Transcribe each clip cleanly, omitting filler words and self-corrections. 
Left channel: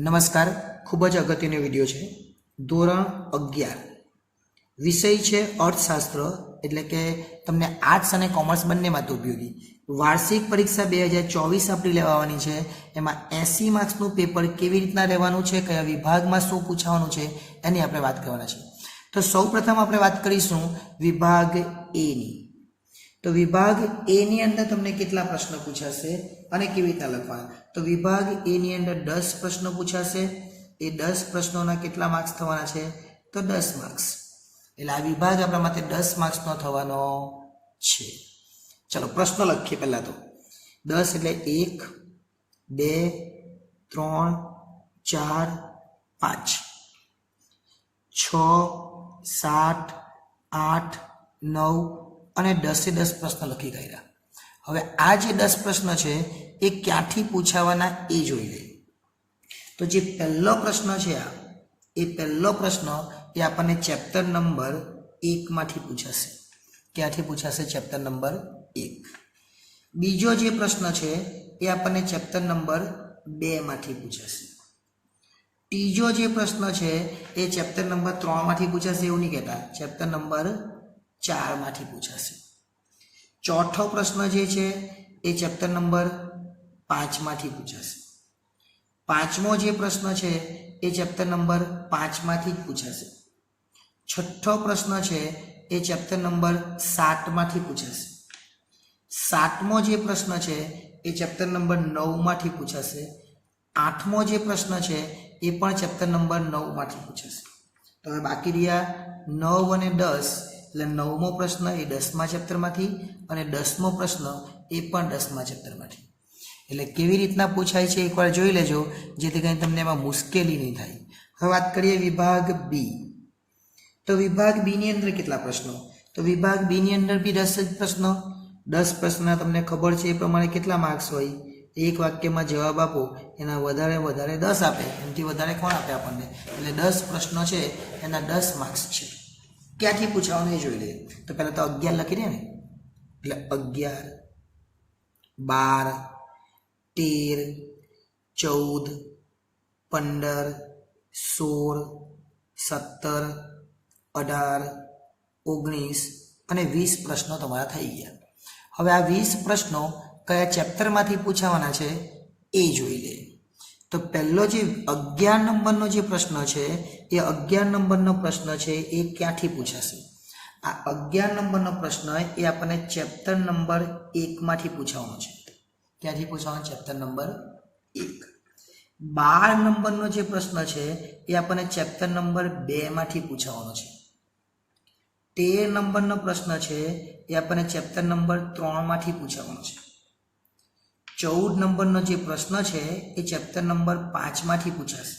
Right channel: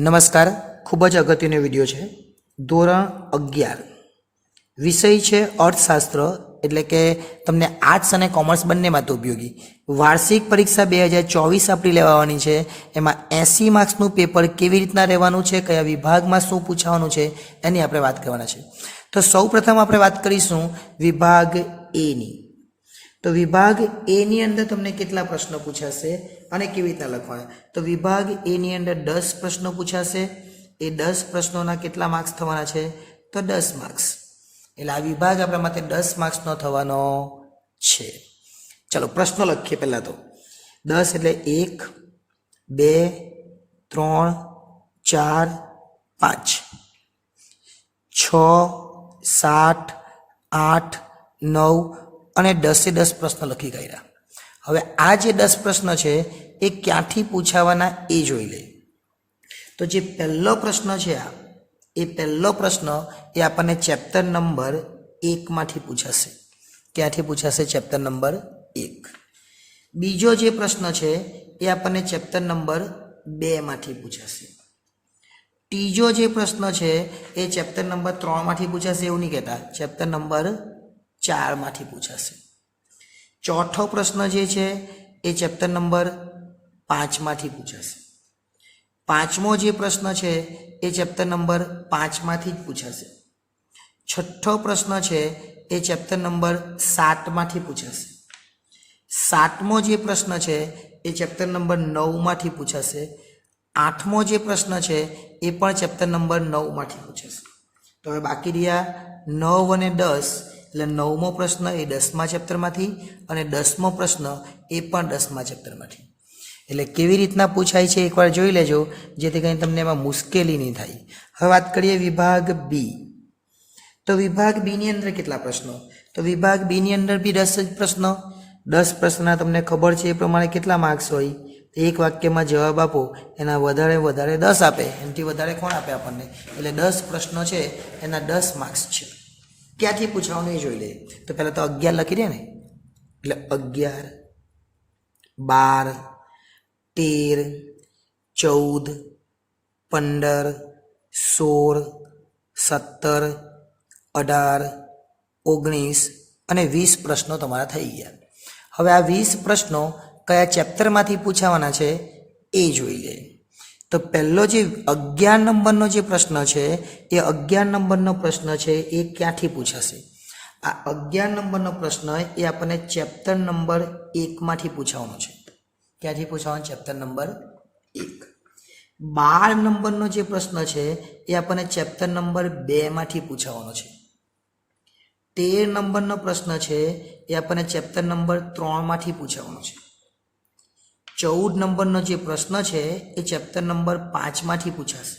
નમસ્કાર, ખૂબ જ અગત્યનો વિડીયો છે। ધોરણ 11 વિષય છે અર્થશાસ્ત્ર, એટલે કે તમને આર્ટ્સ અને કોમર્સ બંને માટે ઉપયોગી। વાર્ષિક પરીક્ષા 2024 આપણે લેવાની છે। એમાં 80 માર્ક્સનું પેપર કેવી રીતના રહેવાનું છે, કયા વિભાગમાં શું પૂછવાનું છે એની આપણે વાત કરવાના છે। તો સૌપ્રથમ આપણે વાત કરીશું વિભાગ એ ની। તો વિભાગ એ ની અંદર તમને કેટલા પ્રશ્નો પૂછાશે અને કેવી રીતના લખવાના। તો વિભાગ એ ની અંદર 10 પ્રશ્નો પૂછાશે। એ 10 પ્રશ્નોના કેટલા માર્ક્સ થવાના છે? તો 10 માર્ક્સ। એટલે આ વિભાગ આપણા માટે 10 માર્ક્સનો થવાનો છે। ચલો પ્રશ્નો લખીએ પહેલા તો। 10 એટલે 1 2 3 4 5 6 7 8 9 અને 10 પ્રશ્નો લખી ગયા। હવે આ જે 10 પ્રશ્નો છે એ ક્યાંથી પૂછાવાના એ જોઈ લઈએ। તો જે પહેલો પ્રશ્ન છે એ પહેલો પ્રશ્ન એ આપણને ચેપ્ટર નંબર 1 માંથી પૂછાશે। ક્યાંથી પૂછાશે? Chapter number 1। બીજો જે પ્રશ્ન છે એ આપણને ચેપ્ટર નંબર 2 માંથી પૂછાશે। ત્રીજો જે પ્રશ્ન છે એ ચેપ્ટર નંબર 3 માંથી પૂછાશે, એવું નહીં કહેતા, ચેપ્ટર નંબર 4 માંથી પૂછાશે। ચોથો પ્રશ્ન જે છે એ ચેપ્ટર નંબર 5 માંથી પૂછાશે। પાંચમો જે પ્રશ્ન છે એ ચેપ્ટર નંબર 5 માંથી જ પૂછાશે। છઠ્ઠો પ્રશ્ન છે એ ચેપ્ટર નંબર 7 માંથી પૂછાશે। સાતમો જે પ્રશ્ન છે એ ચેપ્ટર નંબર 9 માંથી પૂછાશે। આઠમો જે પ્રશ્ન છે એ પણ ચેપ્ટર નંબર 9 માંથી પૂછાશે। તો હવે બાકી રહ્યા 9 અને 10, એટલે 9મો પ્રશ્ન એ 10મા ચેપ્ટરમાંથી અને 10મો પ્રશ્ન એ પણ 10મા ચેપ્ટરમાંથી। એટલે કેવી રીતના પૂછાય છે એકવાર જોઈ લેજો, જેથી કરીને તમને એમાં મુશ્કેલી નહીં થાય। હવે વાત કરીએ વિભાગ બી। તો વિભાગ બી ની અંદર કેટલા પ્રશ્નો? તો વિભાગ બી ની અંદર બી 10 જ પ્રશ્નો। 10 પ્રશ્નના તમને ખબર છે એ પ્રમાણે કેટલા માર્ક્સ હોય? એક વાક્યમાં જવાબ આપો, એના વધારે 10 આપે, એનાથી વધારે કોણ આપે આપણને? એટલે 10 પ્રશ્નો છે એના 10 માર્ક્સ છે। ક્યાંથી પૂછવાનું એ જોઈ લઈએ। તો પહેલાં તો 11 લખી દે ને, એટલે 11 12 13 14 15 16 17 18 19 અને 20 પ્રશ્નો તમારા થઈ ગયા। હવે આ 20 પ્રશ્નો કયા ચેપ્ટરમાંથી પૂછાવાના છે એ જોઈ લે। તો પહેલો જે 11 નંબરનો જે પ્રશ્ન છે એ 11 નંબરનો પ્રશ્ન છે એ ક્યાંથી પૂછાશે? આ 11 નંબરનો પ્રશ્ન એ આપણને ચેપ્ટર નંબર 1 માંથી પૂછવાનો છે। ક્યાંથી પૂછવાનો? Chapter number 1। 12 નંબરનો જે પ્રશ્ન છે એ આપણને ચેપ્ટર નંબર 2 માંથી પૂછવાનો છે। 13 નંબરનો પ્રશ્ન છે એ આપણને ચેપ્ટર નંબર 3 માંથી પૂછવાનો છે। 14 નંબરનો જે પ્રશ્ન છે એ ચેપ્ટર નંબર 5 માંથી પૂછાશે।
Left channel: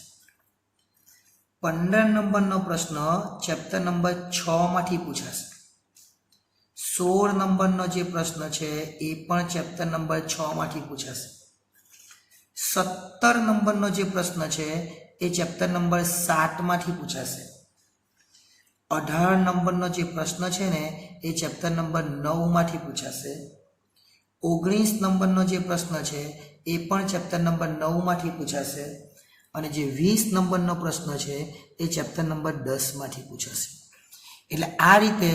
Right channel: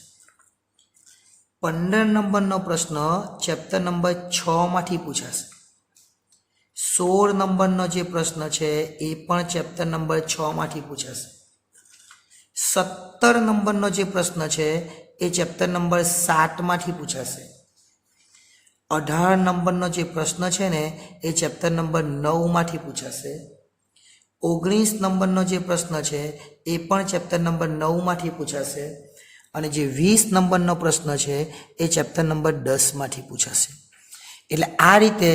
15 નંબરનો પ્રશ્ન ચેપ્ટર નંબર 6 માંથી પૂછાશે। 16 નંબરનો જે પ્રશ્ન છે એ પણ ચેપ્ટર નંબર 6 માંથી પૂછાશે। 17 નંબરનો જે પ્રશ્ન છે એ ચેપ્ટર નંબર 7 માંથી પૂછાશે। 18 નંબરનો જે પ્રશ્ન છે ને એ ચેપ્ટર નંબર 9 માંથી પૂછાશે। 19 નંબરનો જે પ્રશ્ન છે એ પણ ચેપ્ટર નંબર 9 માંથી પૂછાશે। અને જે 20 નંબરનો પ્રશ્ન છે એ ચેપ્ટર નંબર 10 માંથી પૂછાશે। એટલે આ રીતે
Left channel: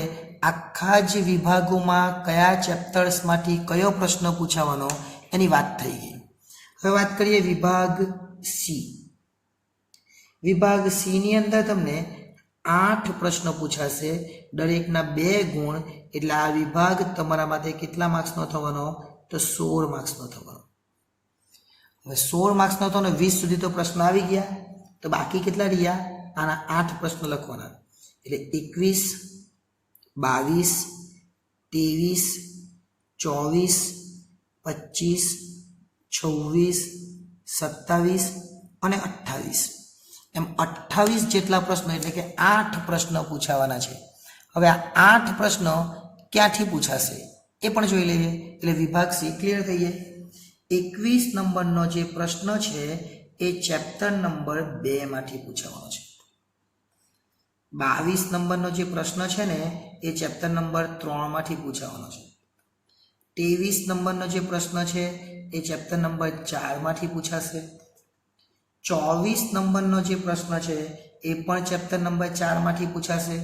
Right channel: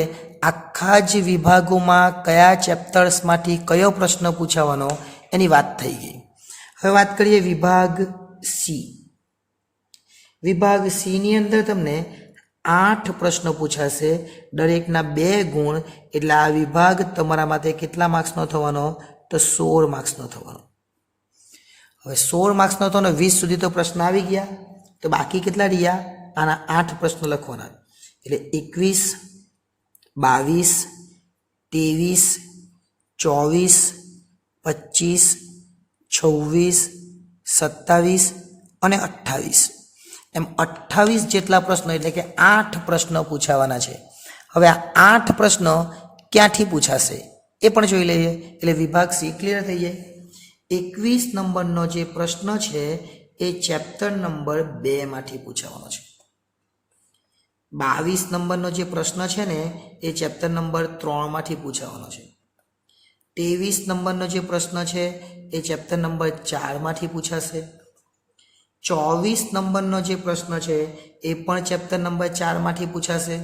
આખા જ વિભાગોમાં કયા ચેપ્ટર્સમાંથી કયો પ્રશ્ન પૂછાવાનો એની વાત થઈ ગઈ। હવે વાત કરીએ વિભાગ સી। વિભાગ સી ની અંદર તમને 8 પ્રશ્નો પૂછાશે, દરેકના 2 ગુણ। એટલે આ વિભાગ તમારા માટે કેટલા માર્ક્સનો થવાનો? તો 16 માર્ક્સનો થવાનો। હવે 16 માર્ક્સનો થવાનો, 20 સુધી તો પ્રશ્ન આવી ગયા, તો બાકી કેટલા રહ્યા? આના 8 પ્રશ્નો લખવાના। એટલે 21 22 23 24 25 26 27 અને 28, એમ 28 જેટલા પ્રશ્નો, એટલે કે 8 પ્રશ્નો પૂછાવાના છે। હવે આ 8 પ્રશ્નો ક્યાંથી પૂછાશે એ પણ જોઈ લઈએ। એટલે વિભાગ સી ક્લિયર થઈ જાય। 21 નંબરનો જે પ્રશ્ન છે એ ચેપ્ટર નંબર 2 માંથી પૂછાવાનો છે। 22 નંબરનો જે પ્રશ્ન છે ને એ ચેપ્ટર નંબર 3 માંથી પૂછાવાનો છે। 23 નંબરનો જે પ્રશ્ન છે એ ચેપ્ટર નંબર 4 માંથી પૂછાશે। 24 નંબરનો જે પ્રશ્ન છે એ પણ ચેપ્ટર નંબર 4 માંથી પૂછાશે.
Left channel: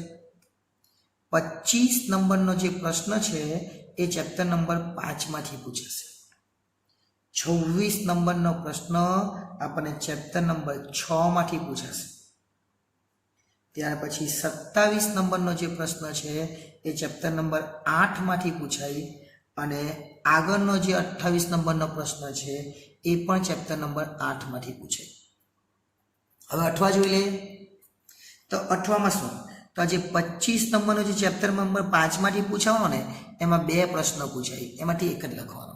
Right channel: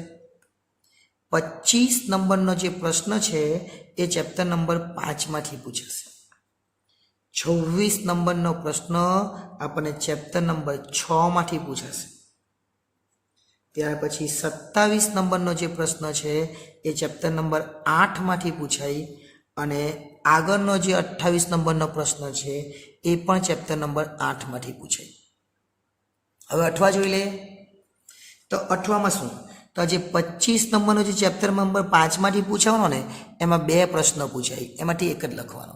25 નંબરનો જે પ્રશ્ન છે એ ચેપ્ટર નંબર 5 માંથી પૂછાશે. 26 નંબરનો પ્રશ્ન આપણને ચેપ્ટર નંબર 6 માંથી પૂછાશે. ત્યાર પછી 27 નંબરનો જે પ્રશ્ન છે એ ચેપ્ટર નંબર 8 માંથી પૂછાય અને આગળનો જે 28 નંબરનો પ્રશ્ન છે એ પણ ચેપ્ટર નંબર 8 માંથી પૂછાય. હવે 8 જોઈ લઈએ. તો 8માં શું? તો જે 25 નંબરનો જે ચેપ્ટર નંબર 5 માંથી પૂછવાનો ને એમાં 2 પ્રશ્ન પૂછાય, એમાંથી એક જ લખવાનો.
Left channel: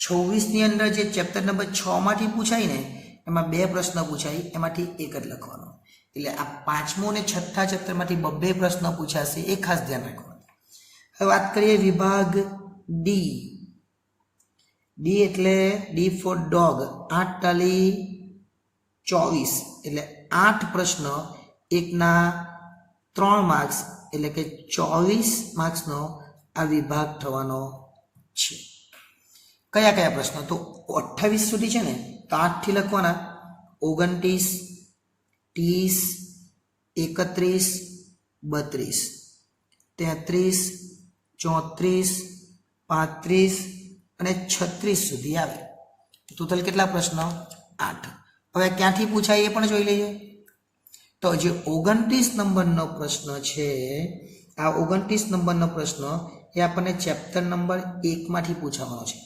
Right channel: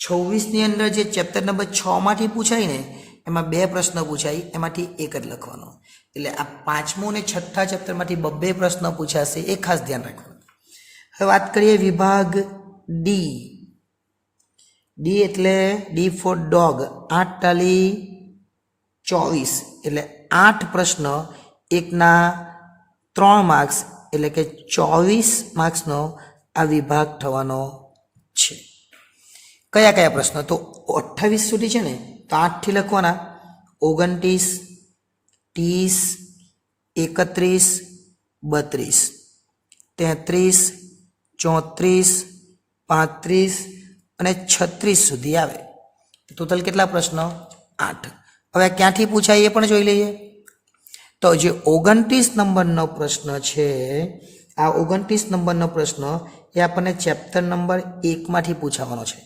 26 ની અંદર જે ચેપ્ટર નંબર 6 માંથી પૂછાય ને એમાં 2 પ્રશ્ન પૂછાય, એમાંથી એક જ લખવાનો. એટલે આ 5મો અને 6થા ચેપ્ટરમાંથી 2 પ્રશ્ન પૂછાશે, એ ખાસ ધ્યાન રાખવાનું. હવે વાત કરીએ વિભાગ ડી. ડી એટલે ડી ફોર ડોગ. 8 ટાલી 24 એટલે 8 પ્રશ્ન, એકના 3 માર્ક્સ એટલે કે 24 માર્ક્સનો આ વિભાગ થવાનો છે. કયા કયા પ્રશ્નો? તો 28 સુધી છે ને તો 8 થી લખવાના. 29, 30, 31, 32, 33, 34, 35 અને 36 સુધી આવે. ટોટલ કેટલા પ્રશ્નો? 8. હવે ક્યાંથી પૂછાય એ પણ જોઈ લઈએ. તો જે 29 નંબરનો પ્રશ્ન છે, આ 29 નંબરનો પ્રશ્ન એ આપણને ચેપ્ટર નંબર 1 માંથી પૂછવાનો છે.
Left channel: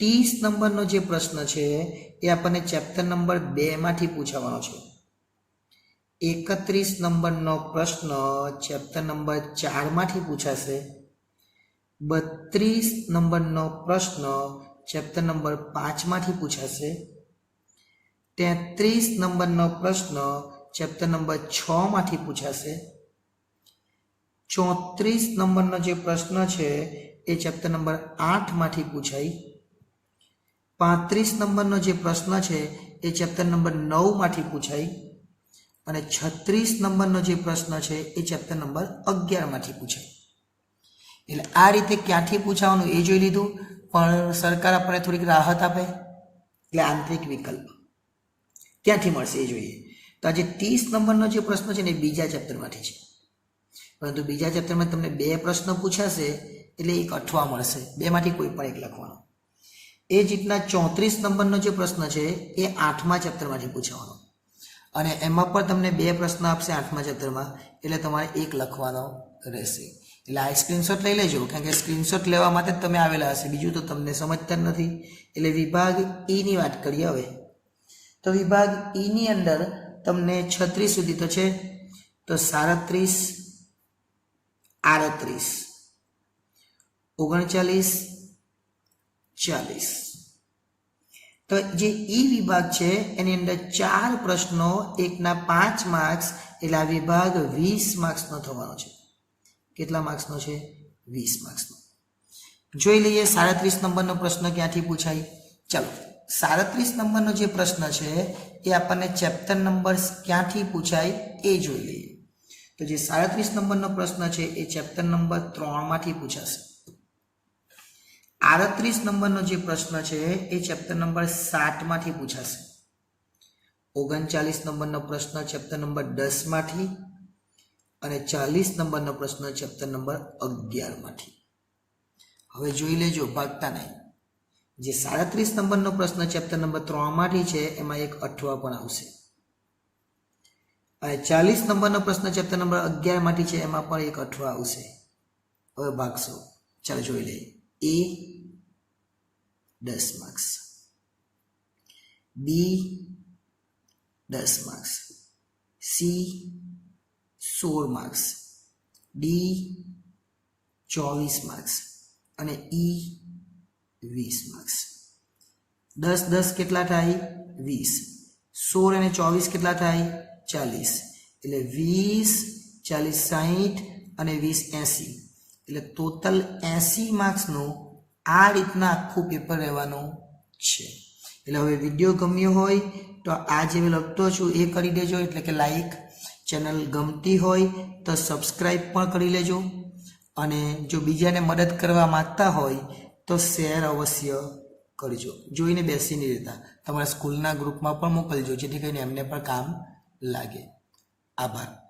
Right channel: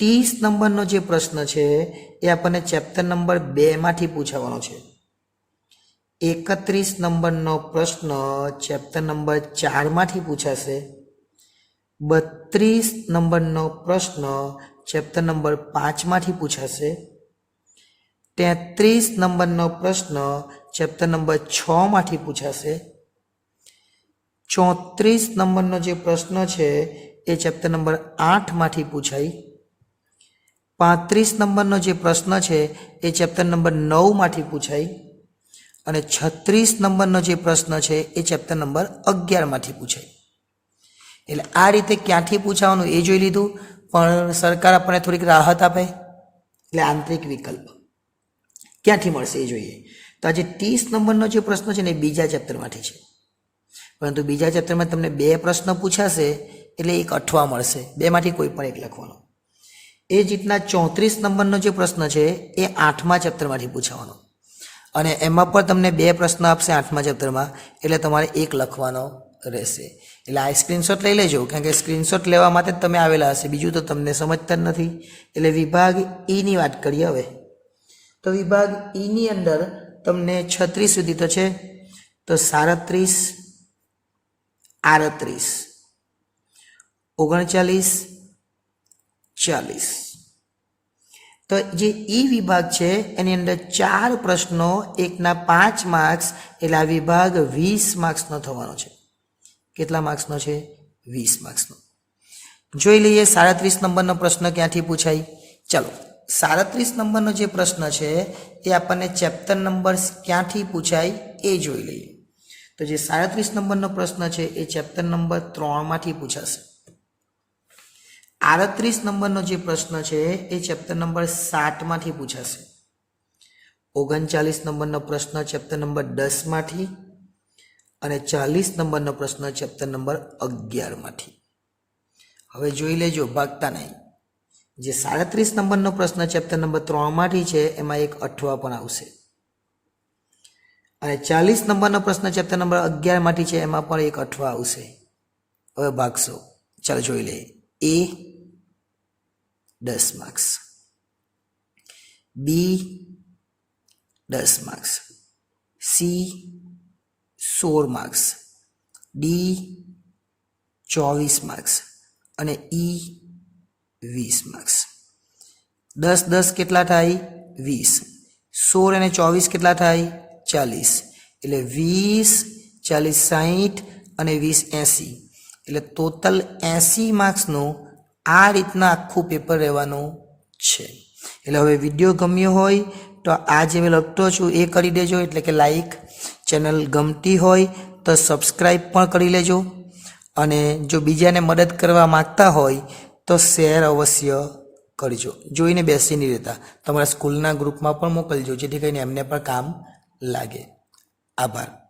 30 નંબરનો જે પ્રશ્ન છે એ આપણને ચેપ્ટર નંબર 2 માંથી પૂછવાનો છે. 31 નંબરનો પ્રશ્ન ચેપ્ટર નંબર 4 માંથી પૂછાશે. 32 નંબરનો પ્રશ્ન ચેપ્ટર નંબર 5 માંથી પૂછાશે. 33 નંબરનો પ્રશ્ન ચેપ્ટર નંબર 6 માંથી પૂછાશે. 34 નંબરનો જે પ્રશ્ન છે એ ચેપ્ટર નંબર 8 માંથી પૂછાય. 35 નંબરનો જે પ્રશ્ન છે એ ચેપ્ટર નંબર 9 માંથી પૂછાય અને 36 નંબરનો જે પ્રશ્ન છે એ ચેપ્ટર નંબર 11 માંથી પૂછાય. એટલે આ રીતે ક્યાંથી પૂછાવાનું એ જોઈ લીધું, પણ સરકાર આપણને થોડીક રાહત આપે એટલે આંતરિક વિકલ્પ ક્યાંથી મળશે એ જોઈએ. તો આજે 30 નંબરનો જે પ્રશ્ન છે ને એ બીજા ચેપ્ટરમાંથી છે, પરંતુ બીજા ચેપ્ટરમાં તમને 2 પ્રશ્ન પૂછાશે એટલે એક 8 મળશે. 2 માંથી કોઈ પણ એક લખવાનો. એ જ રીતના 34 નંબરનો જે પ્રશ્ન છે એ 8મા ચેપ્ટરમાંથી પૂછવાનો અને એમાં પણ તમને 2 પ્રશ્ન આપશે 8મા ચેપ્ટરમાં, એટલે તમારે એક લખવાનો રહેશે. એટલે આ સ્ક્રીનશોટ લઈ લેજો, કારણ કે સ્ક્રીનશોટ લેવા માટે જ તમે આવેલા હશે, બીજું તો તમને સમજતા જ નથી. એટલે વિભાગ ઈની વાત કરીએ હવે. તો વિભાગ ઈની અંદર તમને 36 સુધી તો છે, તો 37, 38, 39, 40. તો જે ઈ વિભાગ છે એની અંદર 4 પ્રશ્નો, એકના 5 માર્ક્સ, એટલે આ વિભાગ 20 માર્ક્સનો થવાનો છે. કેટલા માર્ક્સનો છે? 20 માર્ક્સનો. જોઈ લઈએ 37 નંબરનો પ્રશ્ન ક્યાંથી પૂછાય. ચાલો, 37 નંબરનો જે પ્રશ્ન છે એ આપણને ચેપ્ટર નંબર ક્યાંથી પૂછાય એ જોઈ લઈએ. તો જે 37 નંબરનો પ્રશ્ન છે એ ચેપ્ટર નંબર 3 માંથી પૂછાશે. 38 નંબરનો જે પ્રશ્ન છે એ ચેપ્ટર નંબર 7 માંથી પૂછાશે. 39 નંબરનો પ્રશ્ન ચેપ્ટર નંબર 10 માંથી અને 40 નંબરનો પ્રશ્ન ચેપ્ટર નંબર 11 માંથી. હવે જોઈ લેજો, ભાગતા નહીં. જે 37 નંબરનો પ્રશ્ન ચેપ્ટર નંબર 3 માંથી છે એમાં એક 8 પણ આવશે અને 40 નંબરનો પ્રશ્ન ચેપ્ટર નંબર 11 માંથી છે એમાં પણ એક 8 આવશે. હવે ભાગશો. ચાલો જોઈ લઈએ. એ 10 માર્ક્સ, બી 10 marks, C 16 marks, D 24 marks અને ઈ 20 માર્ક્સ. 10 10 કેટલા થાય? 20. 16 અને 24 કેટલા થાય? 40. એટલે 20, 40, 60 અને 20, 80. એટલે ટોટલ 80 માર્ક્સનું આ રીતના આખું પેપર રહેવાનું છે. એટલે હવે વિડીયો ગમ્યો હોય તો આ જે મેં લખતો છું એ કરી દેજો, એટલે કે લાઈક. ચેનલ ગમતી હોય તો સબસ્ક્રાઈબ પણ કરી લેજો અને જો બીજાને મદદ કરવા માગતા હોય તો શેર અવશ્ય કરજો. જોઈને બેસી નહીં રહેતા, તમારા સ્કૂલના ગ્રુપમાં પણ મોકલજો, જેથી કરીને એમને પણ કામ લાગે. આભાર.